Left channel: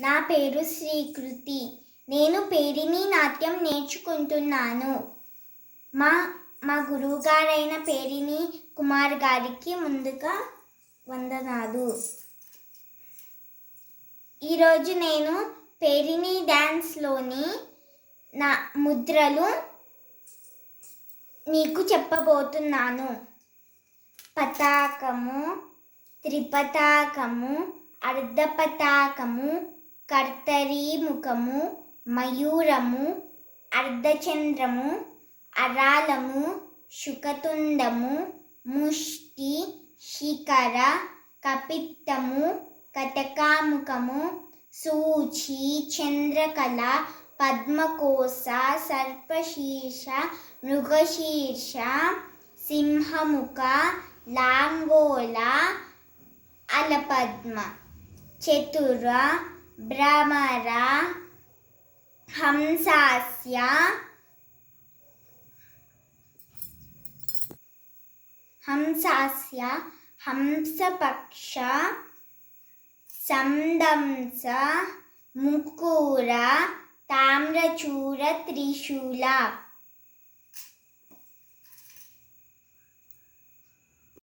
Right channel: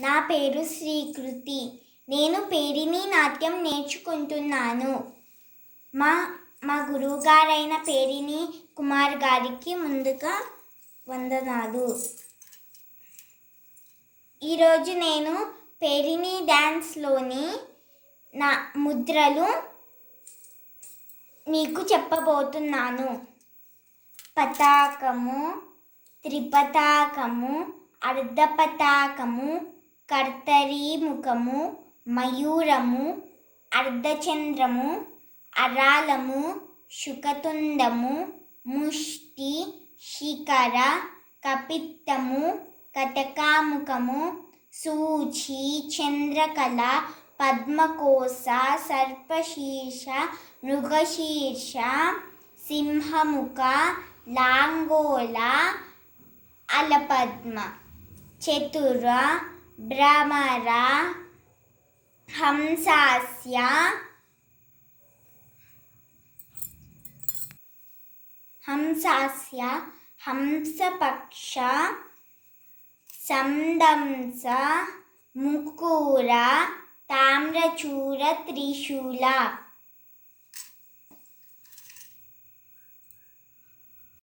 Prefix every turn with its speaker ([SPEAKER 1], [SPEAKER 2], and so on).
[SPEAKER 1] నా పేరు శ్రీకృతి. నేను పేరిణి నాట్యం నేర్చుకుంటున్నాను. మా మా గురువుగారైన పేరిణి కుమార్ గారికి ముందుగా వందనాలు. ఈరోజు నేను పేరిణి డ్యాన్స్లోని నా ముద్రలు మీకు చెప్పబోతున్నాను. పతాకము త్రిపతాకము అర్ధపతాకము కర్తరీముఖము మయూరము అర్ధచంద్రము అరాలము శుకతుండము ముష్టి శిఖర కపిత్తము కటకాముఖము సూచి చంద్రకళ పద్మకోశ సర్పశీర్ష మృగశీర్ష సింహముఖ లాంగోళ అలపద్మ చతుర भ्रमर हंसास्य। हंसस्य हंसपक्ष संदंस मुकुरा ताम्रचूर त्रिशूला।